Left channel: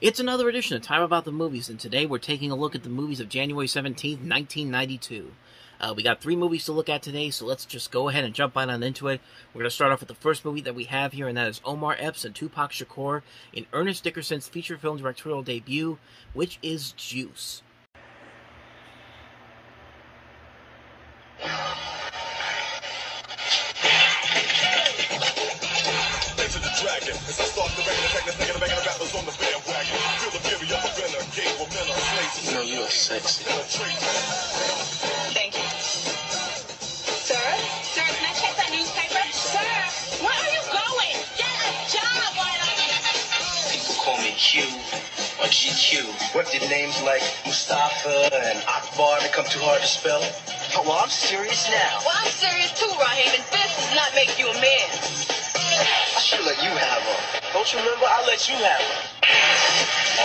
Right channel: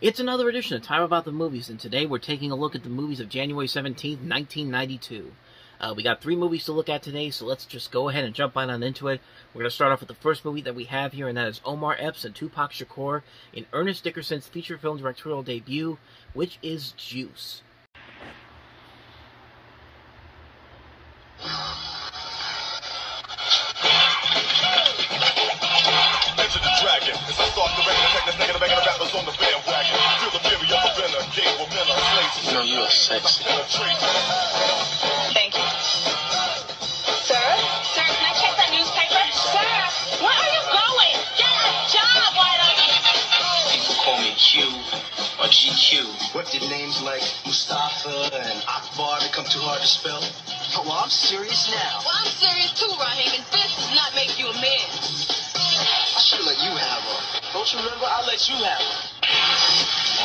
It's another edition of Time About the Movies, and today we're taking a look at the movies of January 17th, 1992. We got 3 movies to look at today, so let's just go ahead and jump right on into it. We're going to start off with the first movie that we have here, and that is Omar, Epps, and Tupac Shakur in Ernest Dickerson's feature film directorial debut, which is Juice. Enter the dragon. As I start the record, attack the banging rappers on the bandwagon. Feel the fury of a venom, game with men on slaves. You know you are sexy. Thank you. Sir? Sir, can I check that newspaper? Sir, where are you going? Get a job, why don't you? People call me Q or GQ. What did names like Mustafa and Akbar become too hard to spell? Oh, well, I'm serious now. Well, I'm serious too, Raheem, and this does not make you a man. I should let you have her. Don't you remember? I let you have her.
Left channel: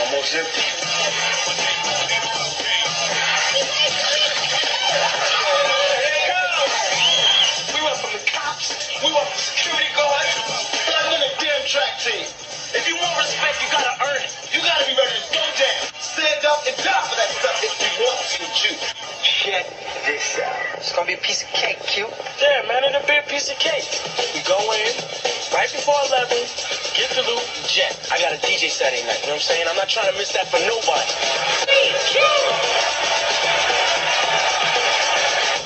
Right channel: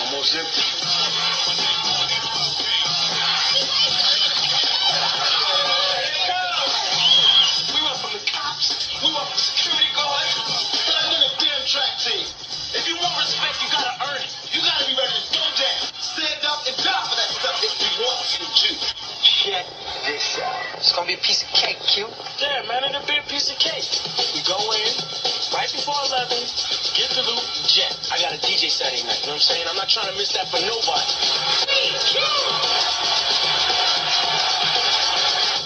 Almost empty. We went from the cops, we went from security guards, like on a damn track team. If you want respect, you gotta earn it. You gotta be ready to go down, stand up, and die for that stuff if you want to, too. Check this out. It's gonna be a piece of cake, Q. Yeah, man, it'll be a piece of cake. We go in right before 11, get the loot, and jet. I got a DJ Saturday night, you know what I'm saying? I'm not trying to miss that for nobody.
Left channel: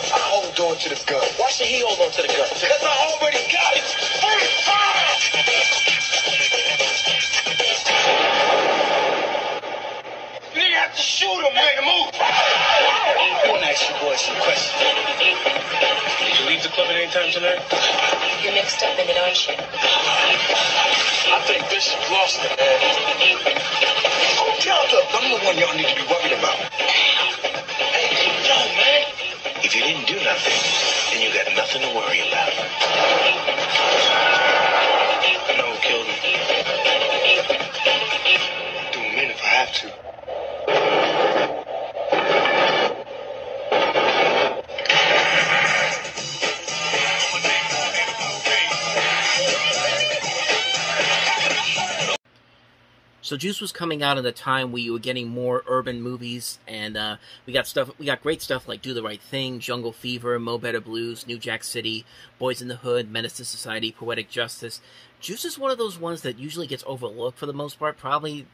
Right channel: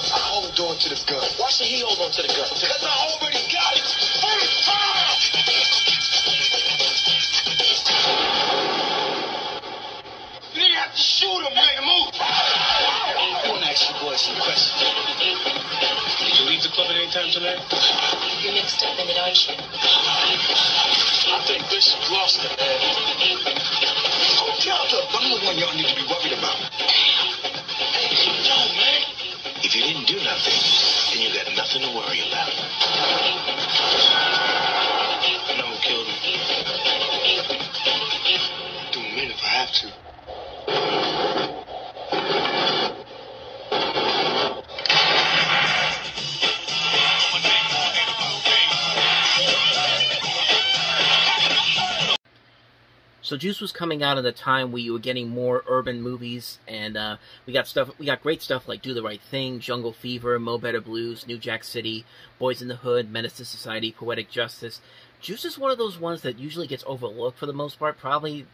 I hold on to the gun. Why should he hold on to the gun? Because I already got it. Free fire! You didn't have to shoot him, man. Move. I want to ask you boys some questions. Did you leave the club at any time tonight? You're mixed up in it, aren't you? I think Bishop lost it, man. Go tell them. I'm the one y'all need to be worried about. Hey, yo, man. If you didn't do nothing, then you got nothing to worry about. I know who killed him. Do him in if I have to. So Juice was coming out at a time where you were getting more urban movies, and we got great stuff like Do the Right Thing, Jungle Fever, Mo Better Blues, New Jack City, Boys in the Hood, Menace to Society, Poetic Justice. Juice is one of those ones that usually gets overlooked for the most part, probably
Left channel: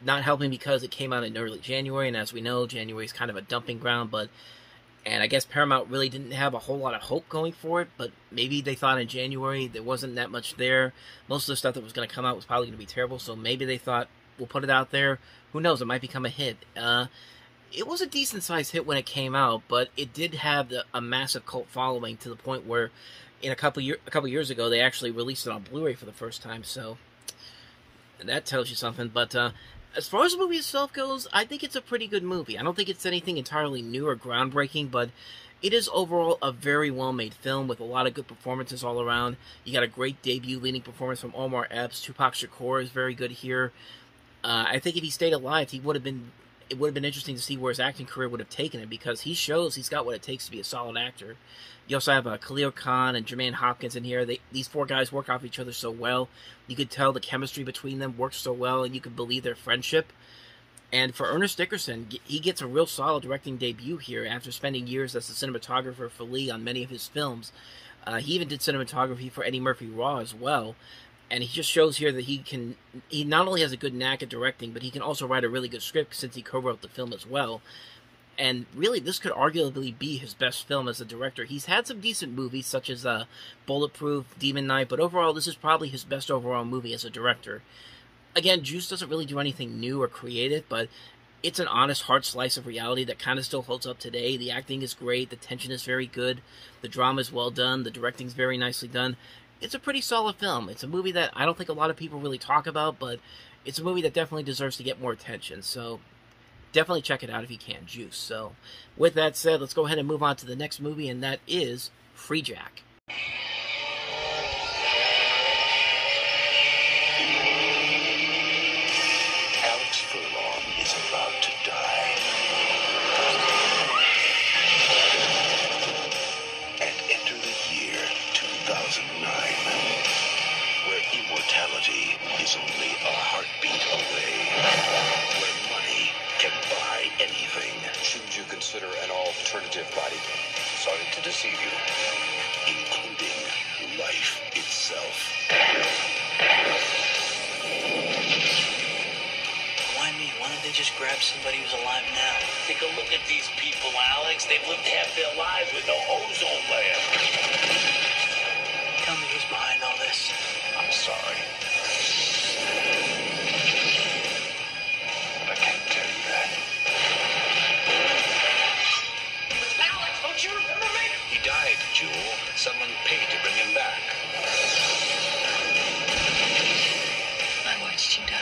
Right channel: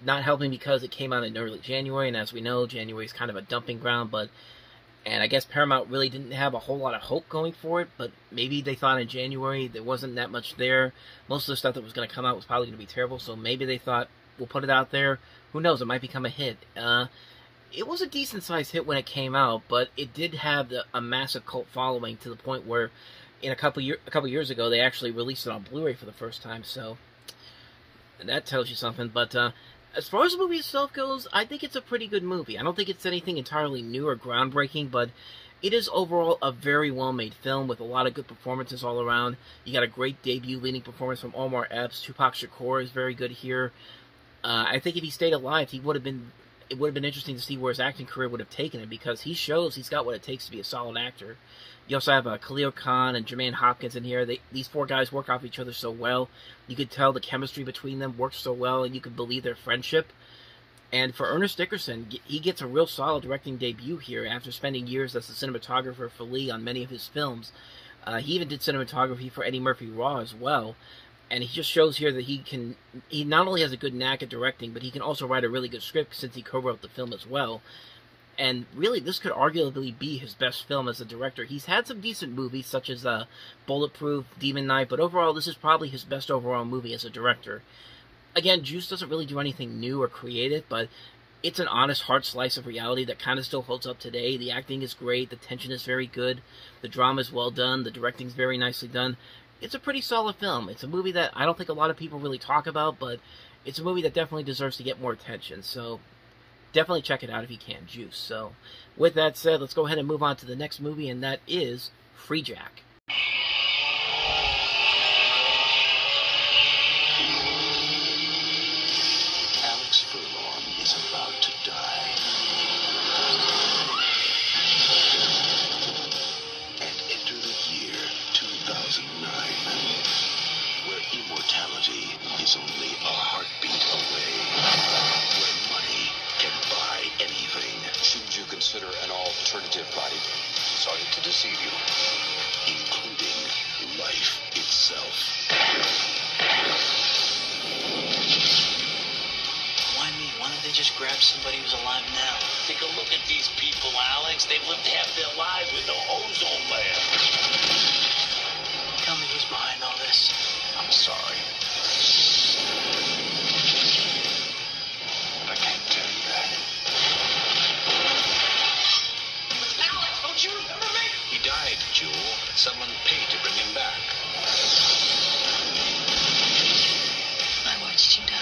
not helping because it came out in early January, and as we know, January is kind of a dumping ground, and I guess Paramount really didn't have a whole lot of hope going for it, but maybe they thought in January there wasn't that much there. Most of the stuff that was going to come out was probably going to be terrible, so maybe they thought, we'll put it out there. Who knows, it might become a hit. It was a decent-sized hit when it came out, but it did have a massive cult following to the point where in a couple years ago, they actually released it on Blu-ray for the first time, so that tells you something, but as far as the movie itself goes, I think it's a pretty good movie. I don't think it's anything entirely new or groundbreaking, but it is overall a very well-made film with a lot of good performances all around. You got a great debut leading performance from Omar Epps. Tupac Shakur is very good here. I think if he stayed alive, it would have been interesting to see where his acting career would have taken him, because he shows he's got what it takes to be a solid actor. You also have Khalil Khan and Jermaine Hopkins in here. These 4 guys work off each other so well. You could tell the chemistry between them works so well, and you could believe their friendship. And for Ernest Dickerson, he gets a real solid directing debut here after spending years as the cinematographer for Lee on many of his films. He even did cinematography for Eddie Murphy Raw as well. And he just shows here that he not only has a good knack at directing, but he can also write a really good script since he co-wrote the film as well. And really, this could arguably be his best film as a director. He's had some decent movies, such as Bulletproof, Demon Knight, but overall, this is probably his best overall movie as a director. Again, Juice doesn't really do anything new or creative, but it's an honest, hard slice of reality that kind of still holds up today. The acting is great, the tension is very good, the drama is well done, the directing is very nicely done. It's a pretty solid film. It's a movie that I don't think a lot of people really talk about, but it's a movie that definitely deserves to get more attention, so definitely check it out if you can, Juice. So, with that said, let's go ahead and move on to the next movie, and that is Freejack. Alex Furlong is about to die. And enter the year 2009, where immortality reality is only a heartbeat away. Where money can buy anything. Shouldn't you consider an alternative body? Sorry to deceive you. Including life itself. Why me? Why don't they just grab somebody who's alive now? Take a look at these people, Alex. They've lived half their lives with no ozone layer. Tell me who's behind all this. I'm sorry. I can't tell you that. Alex, don't you remember me? He died, Jewel. Someone paid to bring him back. I watched you die.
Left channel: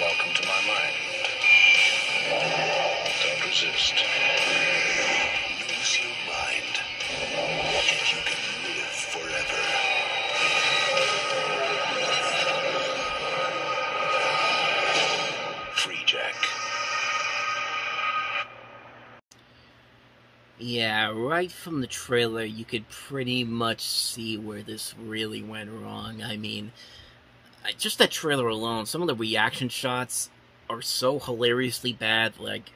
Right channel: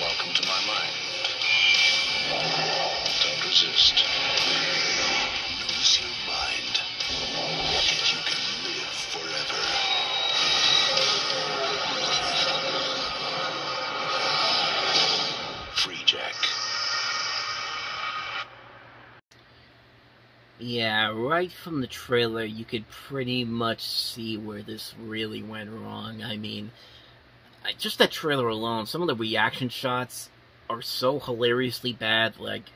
Welcome to my mind. Don't resist. Lose your mind, and you can live forever. Freejack. Yeah, right from the trailer, you could pretty much see where this really went wrong. I mean, just that trailer alone, some of the reaction shots are so hilariously bad. Like,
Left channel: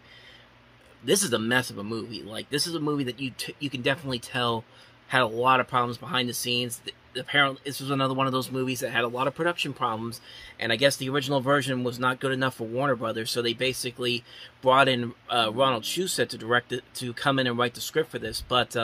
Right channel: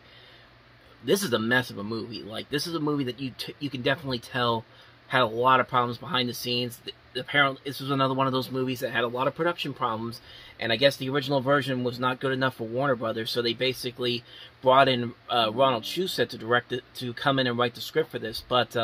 this is a mess of a movie. Like, this is a movie that you can definitely tell had a lot of problems behind the scenes. Apparently, this was another one of those movies that had a lot of production problems, and I guess the original version was not good enough for Warner Brothers, so they basically brought in Ronald Shusett to direct it, to come in and write the script for this. But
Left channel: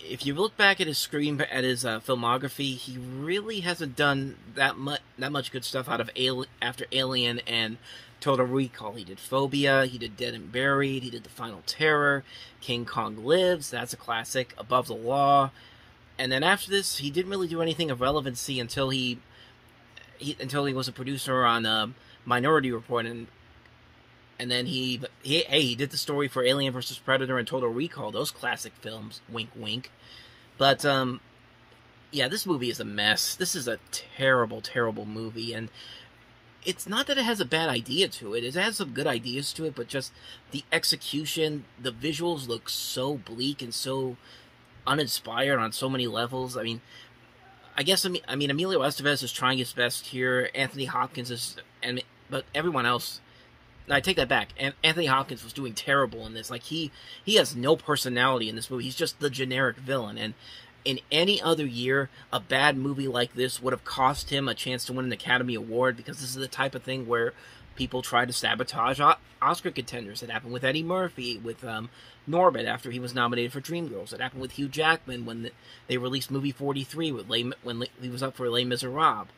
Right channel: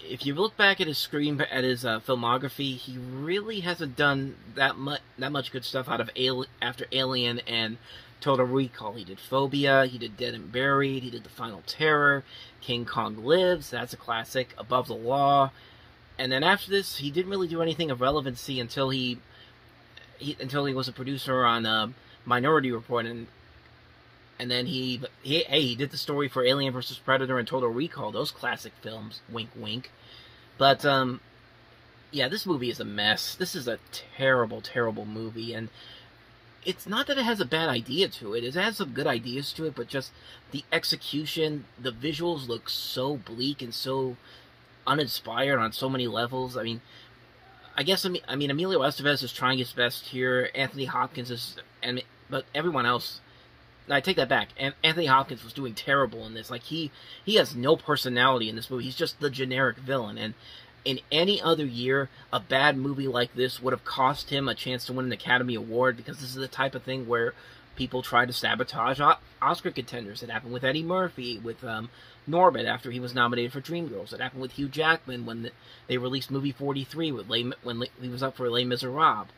if you look back at his filmography, he really hasn't done that much good stuff after Alien and Total Recall. He did Phobia, he did Dead and Buried, he did The Final Terror, King Kong Lives, that's a classic, Above the Law, and then after this, he didn't really do anything of relevancy until he was a producer on Minority Report, and then he did the story for Alien vs. Predator and Total Recall, those classic films, wink wink. But yeah, this movie is a mess. This is a terrible, terrible movie, and it's not that it has a bad idea to it. It has some good ideas to it, but just the execution, the visuals look so bleak and so uninspired on so many levels. I mean, Emilio Estevez is trying his best here. Anthony Hopkins is, but everyone else. I take that back. Anthony Hopkins was doing terrible in this. Like, he has no personality in this movie. He's just the generic villain. And in any other year, a bad movie like this would have cost him a chance to win an Academy Award, because this is the type of thing where people try to sabotage Oscar contenders. It happened with Eddie Murphy, with Norbit after he was nominated for Dreamgirls. It happened with Hugh Jackman when they released movie 43 when he was up for Les Miserables.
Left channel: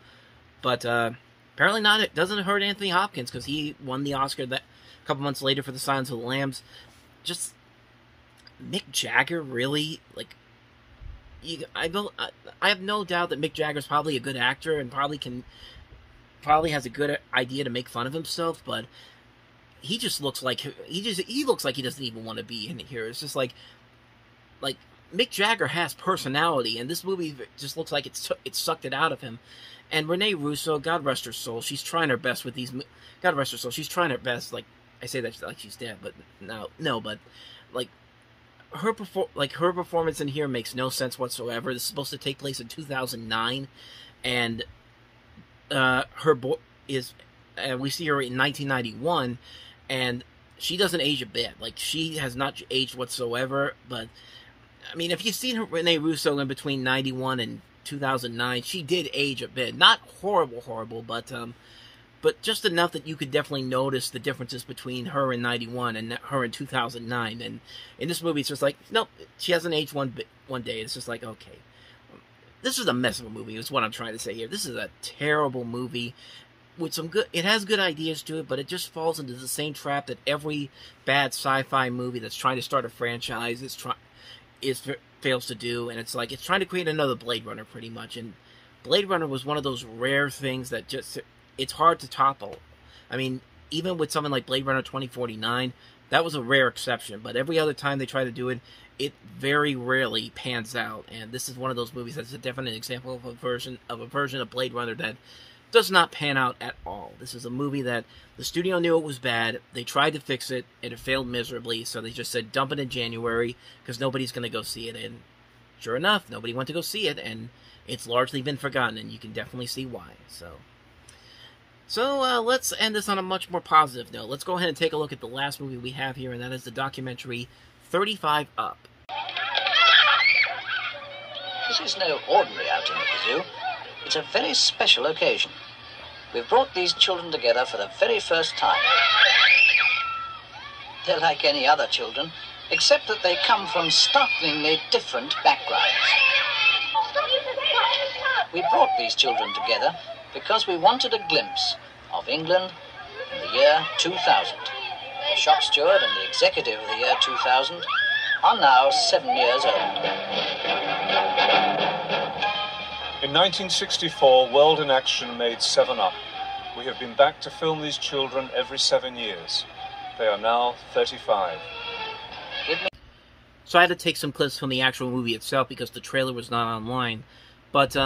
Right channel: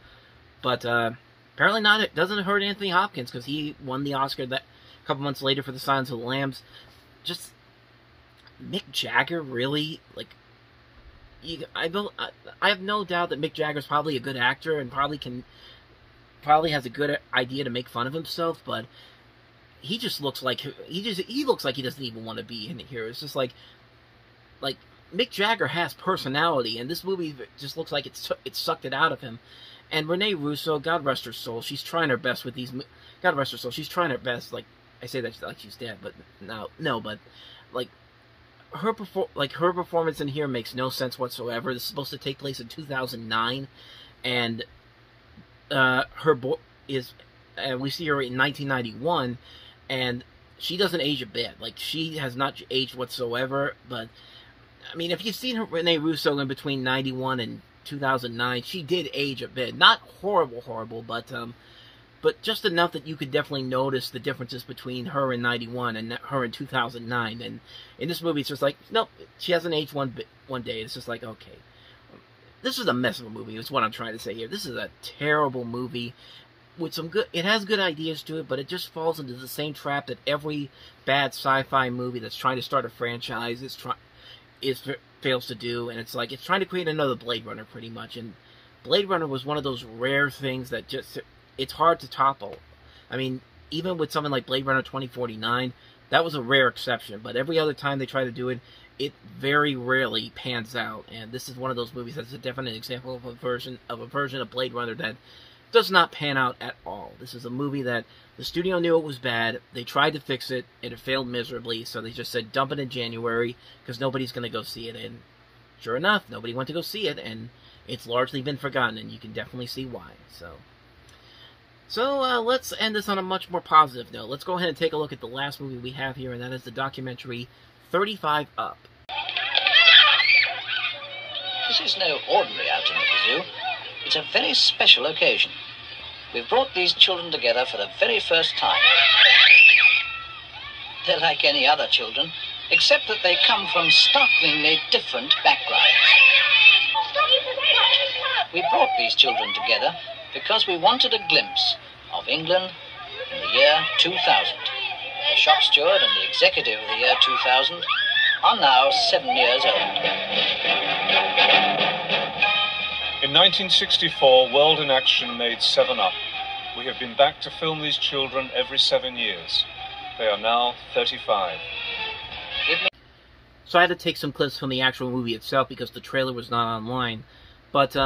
But apparently not. It doesn't hurt Anthony Hopkins, because he won the Oscar that a couple months later for The Silence of the Lambs. Just Mick Jagger, really? Like, I have no doubt that Mick Jagger's probably a good actor and probably has a good idea to make fun of himself, but he just looks like he looks like he doesn't even want to be in here. It's just like Mick Jagger has personality, and this movie just looks like it sucked it out of him. And Rene Russo, God rest her soul, she's trying her best with these. God rest her soul, she's trying her best. Like, I say that like she's dead, but no, but like. Her performance in here makes no sense whatsoever. This is supposed to take place in 2009, and we see her in 1991, and she doesn't age a bit. Like, she has not aged whatsoever. But I mean, if you've seen Rene Russo in between 91 and 2009, she did age a bit. Not horrible, but just enough that you could definitely notice the differences between her in 91 and her in 2009. And in this movie, it's just like, nope, she hasn't aged one day. It's just like, okay. This is a mess of a movie, is what I'm trying to say here. This is a terrible movie with some good... It has good ideas to it, but it just falls into the same trap that every bad sci-fi movie that's trying to start a franchise fails to do. And it's like, it's trying to create another Blade Runner, pretty much. And Blade Runner was one of those rare things that just... It's hard to topple. I mean, even with something like Blade Runner 2049, that was a rare exception. But every other time they try to do it, it very rarely pans out. And this is one of those movies that's a definite example of a version of Blade Runner that does not pan out at all. This is a movie that the studio knew it was bad. They tried to fix it, and it failed miserably, so they just said dump it in January, because nobody's going to go see it. And sure enough, nobody went to go see it, and it's largely been forgotten, and you can definitely see why. So let's end this on a much more positive note. Let's go ahead and take a look at the last movie we have here, and that is the documentary 35 Up. This is no ordinary outing at the zoo. It's a very special occasion. We've brought these children together for the very first time. They're like any other children, except that they come from startlingly different backgrounds. We brought these children together because we wanted a glimpse of England in the year 2000. The shop steward and the executive of the year 2000 are now 7 years old. In 1964, World in Action made 7 Up. We have been back to film these children every 7 years. They are now 35. So I had to take some clips from the actual movie itself because the trailer was not online. But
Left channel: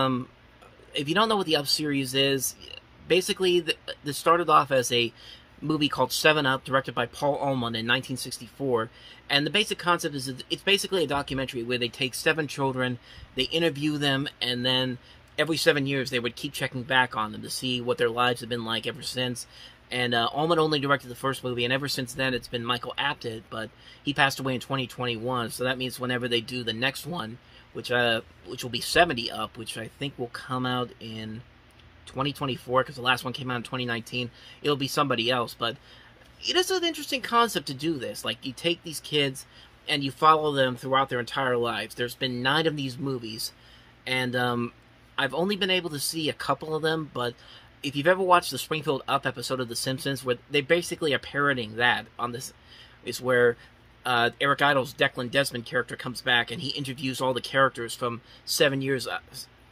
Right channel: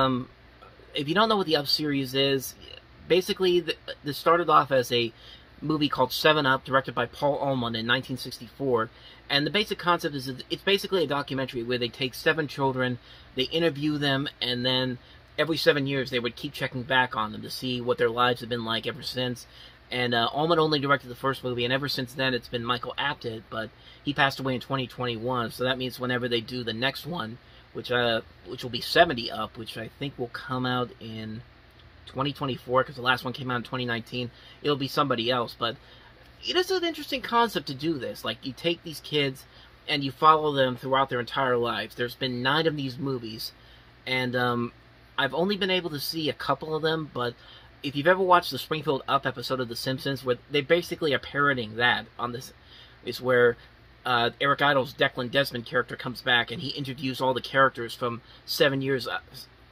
if you don't know what the Up series is, basically this started off as a movie called 7 Up, directed by Paul Ullman in 1964. And the basic concept is it's basically a documentary where they take 7 children, they interview them, and then every 7 years they would keep checking back on them to see what their lives have been like ever since. And Ullman only directed the first movie, and ever since then it's been Michael Apted, but he passed away in 2021, so that means whenever they do the next one, which will be 70 Up, which I think will come out in 2024, because the last one came out in 2019, it'll be somebody else. But it is an interesting concept to do this. Like, you take these kids and you follow them throughout their entire lives. There's been 9 of these movies, and I've only been able to see a couple of them, but if you've ever watched the Springfield Up episode of The Simpsons, where they basically are parroting that on this, is where Eric Idle's Declan Desmond character comes back and he interviews all the characters from 7 years.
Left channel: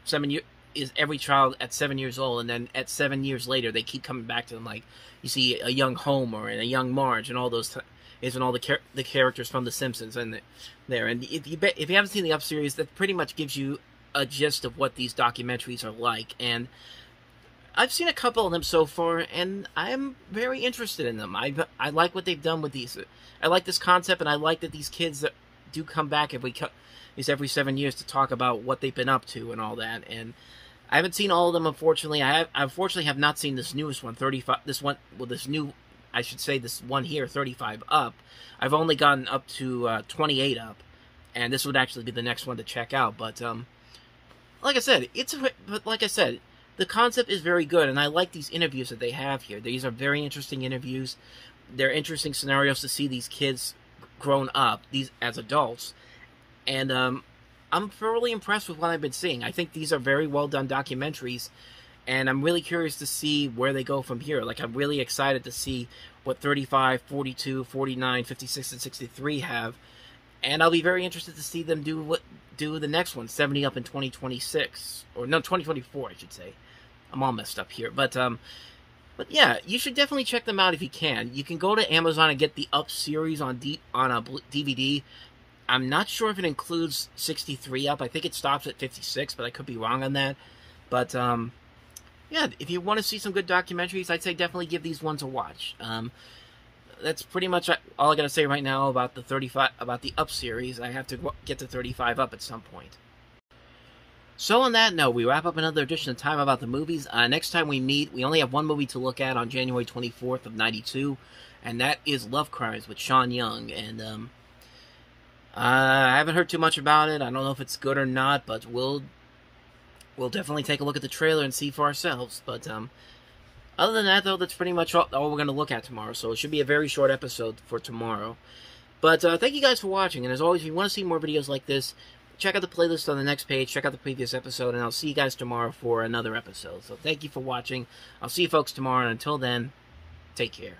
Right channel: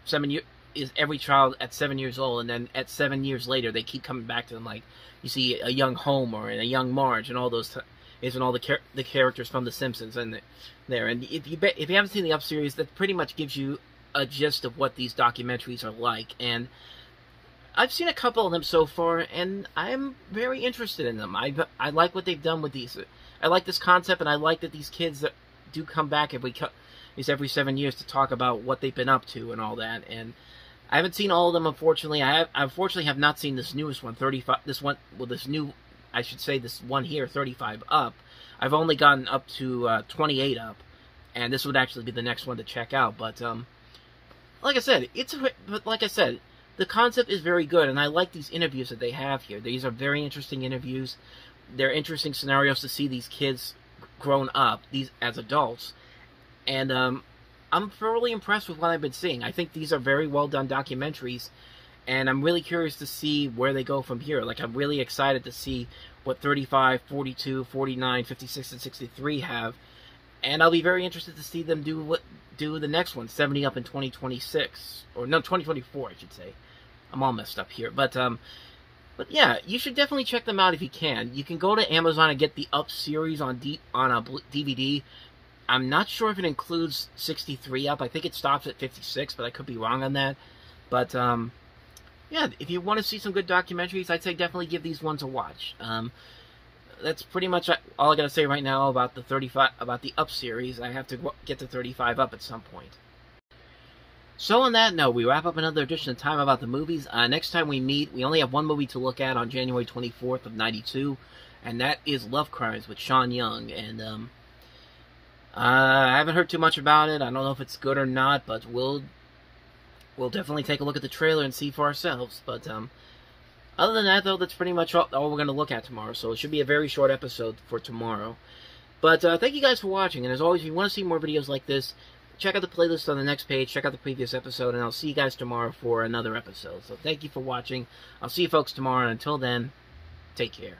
7 years is every child at 7 years old, and then at 7 years later they keep coming back to them. Like, you see a young Homer and a young Marge and all those and all the characters from The Simpsons and there. And if you haven't seen the Up series, that pretty much gives you a gist of what these documentaries are like. And I've seen a couple of them so far, and I'm very interested in them. I like what they've done with these. I like this concept, and I like that these kids that do come back every 7 years to talk about what they've been up to and all that. And I haven't seen all of them, unfortunately. I unfortunately have not seen this newest one, 35. This one here, 35 Up. I've only gotten up to 28 Up, and this would actually be the next one to check out. But like I said, the concept is very good, and I like these interviews that they have here. These are very interesting interviews. They're interesting scenarios to see these kids grown up, these as adults, and I'm thoroughly impressed with what I've been seeing. I think these are very well done documentaries, and I'm really curious to see where they go from here. Like, I'm really excited to see what 35, 42, 49, 56, and 63 have, and I'll be very interested to see them do the next one, 70 Up in 2026, or no, 2024, I should say. I'm all messed up here, but yeah, you should definitely check them out if you can. You can go to Amazon and get the Up series on a DVD. I'm not sure if it includes 63 Up. I think it stops at 56, but I could be wrong on that. But yeah, if you want to see some good documentaries, I'd say definitely give these ones a watch. That's pretty much all I gotta say right now about the Up series. I have to get to 35 Up at some point. So on that note, we wrap up another edition of Time About the Movies. Next time we meet, we only have one movie to look at on January 24th of 92, and that is Love Crimes with Sean Young. And I haven't heard too much about it. I don't know if it's good or not, but we'll definitely take a look at the trailer and see for ourselves. But other than that, though, that's pretty much all we're going to look at tomorrow. So it should be a very short episode for tomorrow. But thank you guys for watching, and as always, if you want to see more videos like this, check out the playlist on the next page, check out the previous episode, and I'll see you guys tomorrow for another episode. So thank you for watching. I'll see you folks tomorrow, and until then, take care.